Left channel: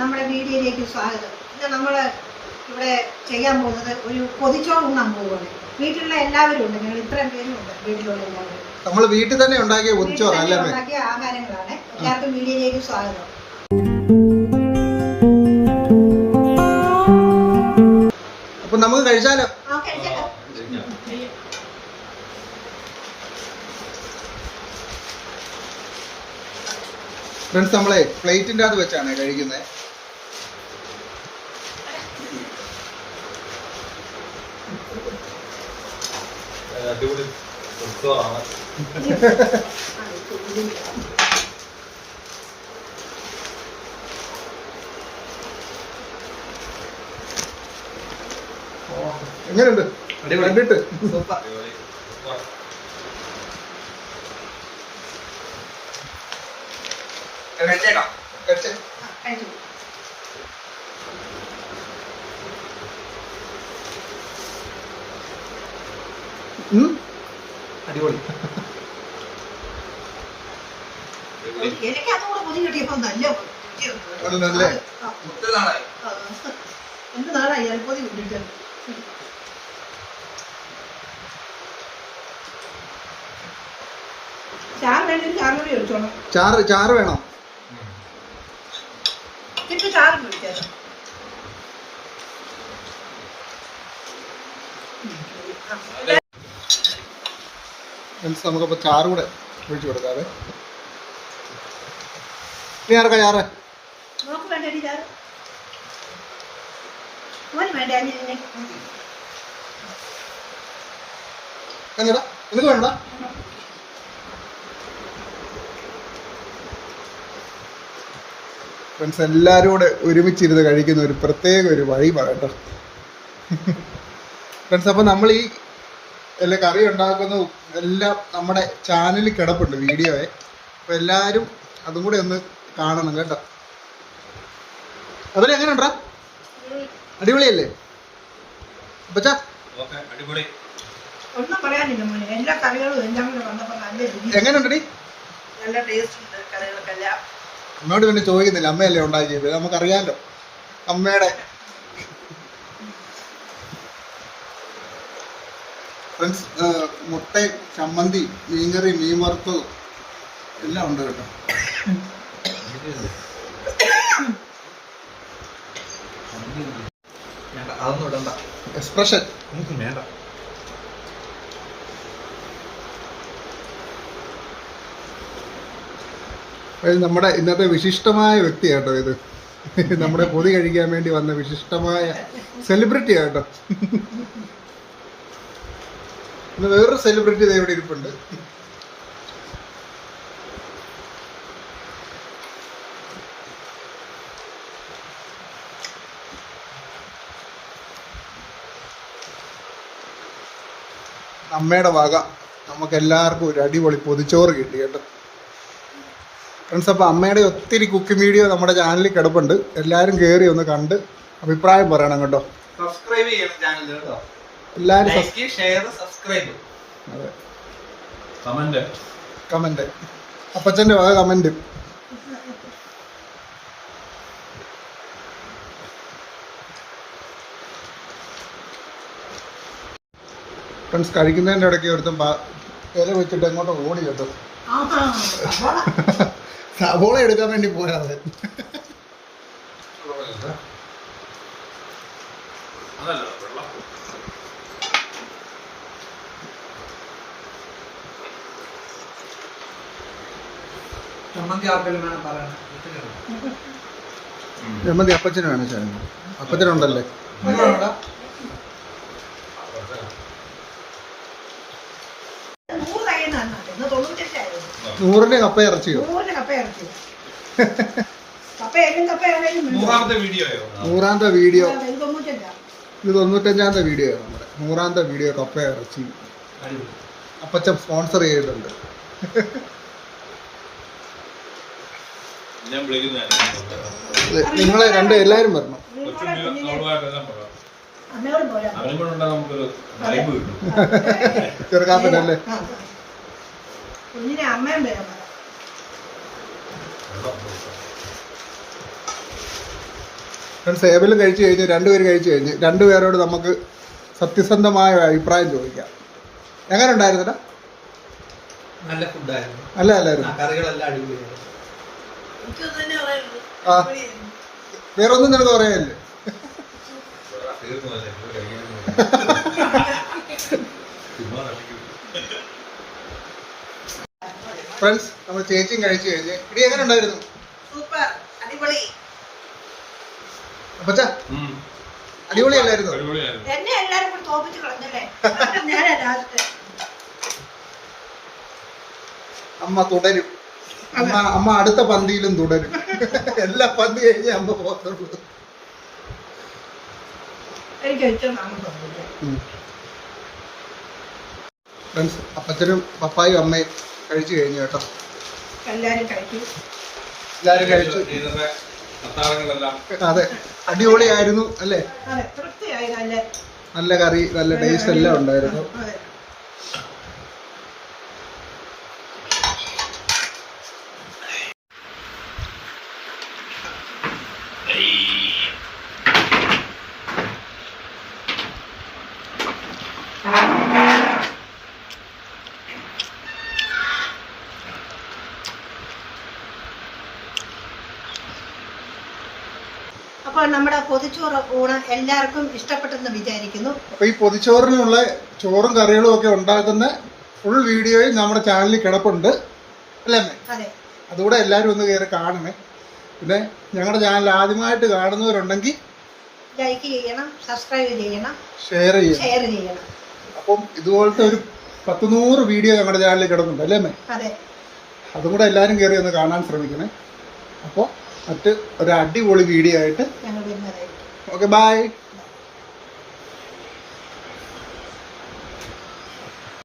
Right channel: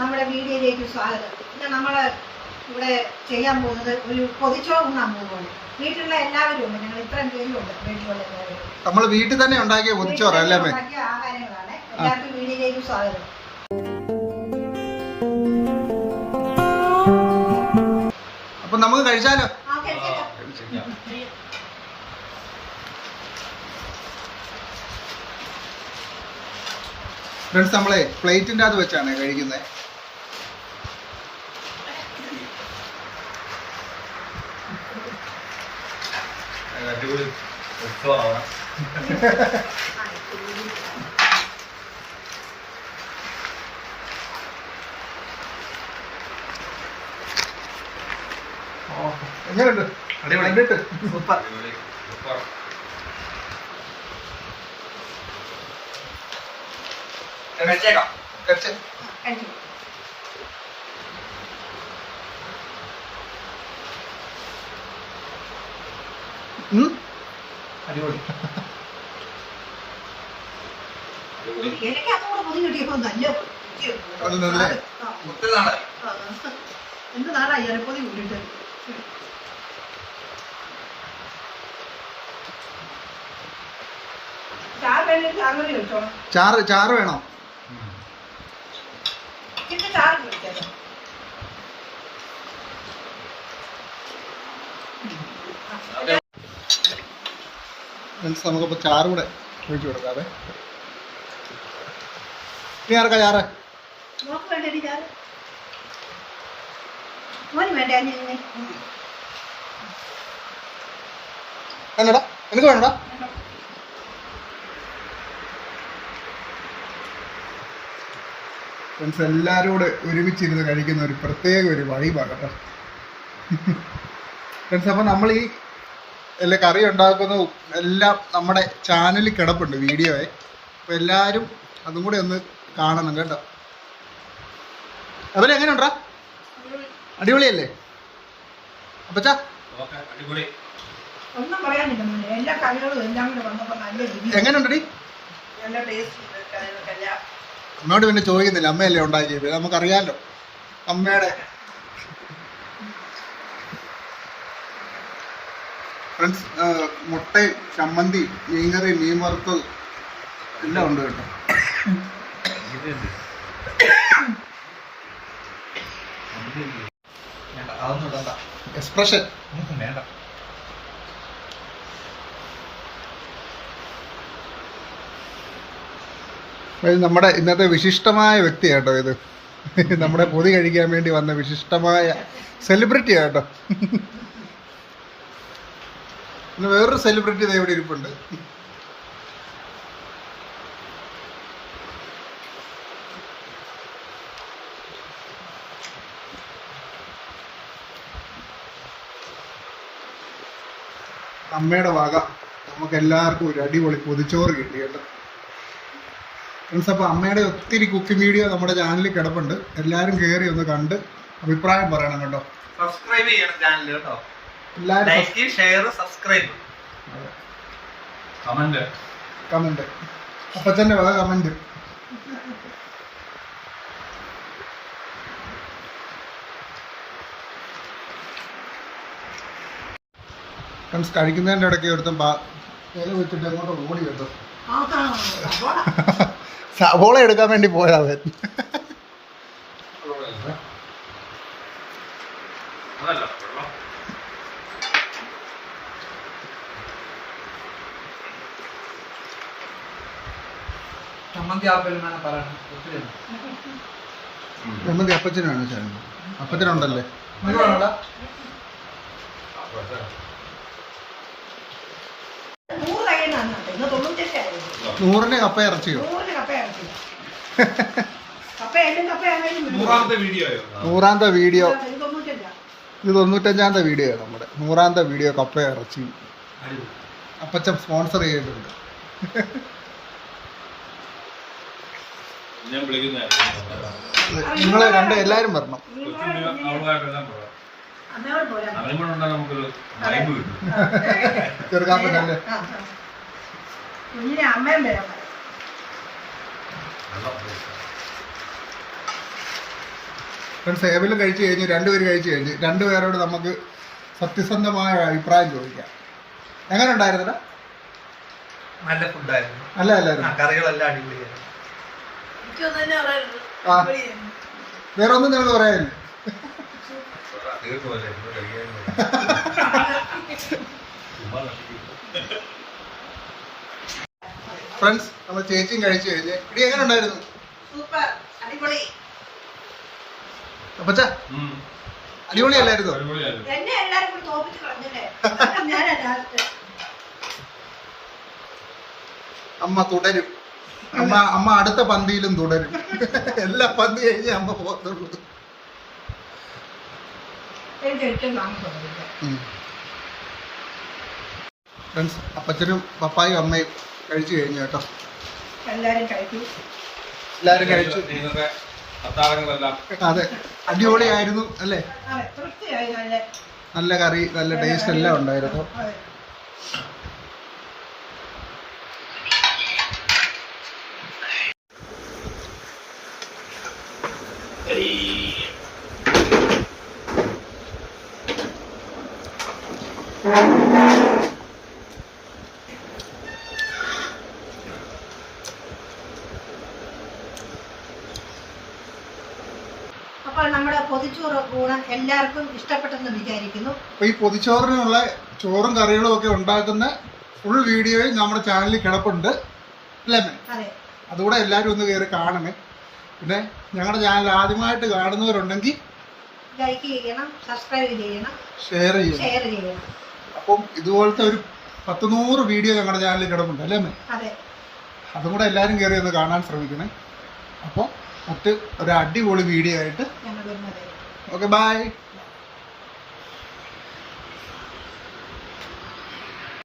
നമ്മുടെ വീഡിയോയിലേക്ക് സ്വാഗതം. ഇന്ന് നമ്മൾ ഇവിടെ ചെയ്യാൻ പോകുന്നത് ഒരു പൊതിച്ചോറ് ഉണ്ണാൻ പോവുകയാണ്. വീട്ടിലുള്ള എല്ലാവരും ഉണ്ട്, ഞങ്ങൾ ഇത്രയും പേരും ഉണ്ട്. വീട്ടിലുള്ള എല്ലാവരും നമ്മൾ വീട്ടിൽ തന്നെ ഉണ്ടാക്കിയ പൊതിച്ചോറ് അല്ലേ? ഉണ്ടാക്കിയ ആഹാരങ്ങളാണ്. എല്ലാവർക്കും വീഡിയോയിലേക്ക് സ്വാഗതം. അപ്പൊ നമുക്ക് കഴിച്ചാലോ? ഫ്രണ്ട്സ്, നമ്മളെ പ്ലേറ്റിൻ്റെ അകത്ത് വെച്ചാണ് കഴിക്കുന്നത്. എങ്ങനെയുണ്ട്? കണ്ടിട്ട് സൂപ്പർ. അടിപൊളി. എനിക്ക് അതുകൂടെ പുതിയ കിട്ടിയപ്പോ നല്ല എന്ത് നാളായി അലപ്പൊതി കൂട്ടിട്ട്. ചാറ് വേണോ? ചാറ് പിടിക്കാതെ നമുക്കപ്പോ ചാറ് കൂടെ ഒഴിച്ചു കൊടുക്കാതെ. ഇനി ആർക്കാ ചാറ്? നോക്ക് വേണ്ടി ചാറ് വേണ്ട. എന്നടാ നിനക്ക് വേണടാ? ഫ്രണ്ട്സ്, എല്ലാവരും കൂടെ ഒരുമിച്ചിരുന്ന് കഴിക്കുന്ന ഒരു പ്രത്യേക ഒരു വൈബാണ് കേട്ടോ ഫ്രണ്ട്സ്. അപ്പോൾ നമ്മൾ ഈ എല്ലാ കറി ഉണ്ടാക്കുന്നതും എല്ലാം നമ്മുടെ ചാനലിൽ കിടപ്പുണ്ട് വീഡിയോയെ. അപ്പോൾ എല്ലാവരും അതും കൂടെ ഒന്ന് കാണണം കേട്ടോ. അതുപോലെ എങ്ങനെ ഉണ്ടാ? അടിപൊളിയല്ലേ അപ്പച്ചാ? ഒന്നും പറയാനില്ല മോനെ, എല്ലാ കറികളും എല്ലാം കൂടെ വന്നപ്പോൾ നല്ല രുചി. എങ്ങനെയുണ്ടടി? നല്ല ടേസ്റ്റ് ഉണ്ട് കറികൾക്കെല്ലാം. അമ്മയോട് പിന്നെ ചോദിക്കുന്നില്ല, അമ്മയല്ലേ ഉണ്ടാക്കിയത്, നമുക്കറിയാമല്ലോ അമ്മയുടെ. ഫ്രണ്ട്സ്, മുട്ട, ചമ്മന്തി, മീൻകറി, മീൻ വറുത്തത് എല്ലാം ഉണ്ട് കേട്ടോ. എക്സ്പ്രഷൻ വേണ്ട. നമ്മുടെ ഇന്നത്തെ വിശിഷ്ടമായ വ്യക്തിയാട്ടോ ഇത്. നമ്മുടെ പൊതി കഴിക്കാൻ വേണ്ടി വന്ന വിശിഷ്ടമായ സെലിബ്രിറ്റി ആട്ടോ. പിന്നെ വേറൊരു സെലിബ്രിറ്റി ഇത് ഇവിടെ ഇരിപ്പുണ്ട്. അമ്മയുടെ വക നമുക്ക് എല്ലാവർക്കും ഒരു അടിപൊളി പൊതിച്ചോറ് കിട്ടി കേട്ടോ ഫ്രണ്ട്സ്. അപ്പോൾ അമ്മയുടെ ഒത്തിരി കുക്കിംഗ് വീഡിയോ നമ്മുടെ ചാനലിൽ കിടപ്പുണ്ട്. എല്ലാവരും കയറി ഒന്ന് കണ്ട് അഭിപ്രായം പറയണം കേട്ടോ. സബ്സ്ക്രൈബ് ചെയ്യണം ചാനൽ കേട്ടോ. എല്ലാവരും ലൈക്ക്, ഷെയർ, സബ്സ്ക്രൈബ്. അതെ, കമന്റ്. അപ്പച്ചൻ്റെ വക കമന്റ്. ഫ്രണ്ട്സ്, കഴിക്കുന്നതിൻ്റെ ഇടയ്ക്ക് ഒരുത്തം ഇല വെച്ചിട്ട് അങ്ങോട്ട് ഓടി കേട്ടോ. സവോള എടുക്കാൻ വേണ്ടി പോയാതെ. ചമ്മന്തി അപ്പച്ചന് വേണം. ചാനൽ അപ്പച്ചനുണ്ടല്ലേ? നൂറിന്റെ കപ്പ ഇറച്ചിയോ? നൂറാമത്തെ വീഡിയോ. ഇത് 95ാമത്തെ വീഡിയോ ആണ് നമ്മുടെ. 100ാമത്തെ വീഡിയോ കപ്പ ഇറച്ചി അപ്പച്ച സ്പോൺസർ ചെയ്തിട്ടുണ്ട്. നിങ്ങൾ എല്ലാവരും വരണം. ചെറുക്കാപ്പനല്ലേ? അമ്മയും വരാം. ഫ്രണ്ട്സ് ഏബലും കഴിച്ചു കഴിഞ്ഞ് രണ്ടുപേര് കഴിച്ചു കഴിഞ്ഞ് രണ്ടുപേരോട് നമുക്ക് സത്യസന്ധമായ അഭിപ്രായം ചോദിക്കാം. എങ്ങനെ ഉണ്ടായിരുന്നടാ? നല്ല ഫുഡായിരുന്നു. അല്ല അല്ലായിരുന്നു. കറികളെല്ലാം അടിപൊളിയായിരുന്നു. ആ വേറൊന്നും നിനക്ക് പറയാനില്ലേ? ഫ്രണ്ട്സ് നമ്മൾ ചേച്ചിയും കഴിച്ചു കഴിഞ്ഞ് ഇടി എങ്ങനെ ഉണ്ടായിരുന്നു? സൂപ്പർ, അടിപൊളി. അപ്പച്ചാ അടിപൊളിയല്ലായിരുന്നോ? എന്നെ എല്ലാരും കൂടി തോപ്പിച്ച് കളഞ്ഞല്ലേ? ഞാനാ ലാസ്റ്റ്. അമ്മ തുടരും. അമ്മ അടുത്ത പന്തിയിലും തുടരും. എല്ലാ പന്തി കഴിഞ്ഞ് അമ്മ പോകത്തുള്ളൂ. എനിക്ക് ഏറ്റവും താമസം. ഫ്രണ്ട്സ് അപ്പച്ചനും പപ്പായും അമ്മയും കഴിച്ചു കഴിഞ്ഞു കേട്ടോ. എല്ലാരും കഴിച്ചു. എല്ലാരും കഴിച്ചു. അതെ അടിപൊളിയായിരുന്നു അല്ലേ? അതെ, തൃപ്തിയായി. നല്ല കറി, നല്ല ടേസ്റ്റ് എല്ലാം ഉണ്ടായിരുന്നു. അതെ. അപ്പോൾ നമ്മുടെ പൊതിച്ചോറ് ഊണ് എല്ലാവർക്കും ഇഷ്ടപ്പെട്ടെന്ന് വിചാരിക്കുന്നു. അപ്പൊ ഈ പൊതിച്ചോറിനുള്ള ചോറും കറികളും ഒക്കെ ഉണ്ടാക്കുന്ന ഫുൾ വീഡിയോയും നമ്മുടെ ചാനലിൽ കിടപ്പുണ്ട് അല്ലേ അമ്മേ? അതെ. അതുകൂടെ എല്ലാവരും ഒന്ന് കയറി കാണണേ. പിന്നെ ഞങ്ങളുടെ ചാനൽ ആദ്യമായിട്ട് കാണുന്നവരുണ്ടെങ്കിൽ ലൈക്ക് ചെയ്യണം, സബ്സ്ക്രൈബ് ചെയ്യണം, ഷെയർ ചെയ്യണം. അപ്പം ഇതുപോലത്തെ ഒരു 100 വീഡിയോ ഞങ്ങളുടെ ചാനലിൽ കിടപ്പുണ്ട് അല്ലേ അമ്മേ? അതെ. അതും കൂടെ എല്ലാവരും കയറി ഒന്ന് കാണാൻ ശ്രമിക്കണേ. അപ്പോൾ മറ്റ് ഒരു അടിപൊളി വീഡിയോ ആയിട്ട് ഞങ്ങൾ വരുന്നതായിരിക്കും. Okay bye.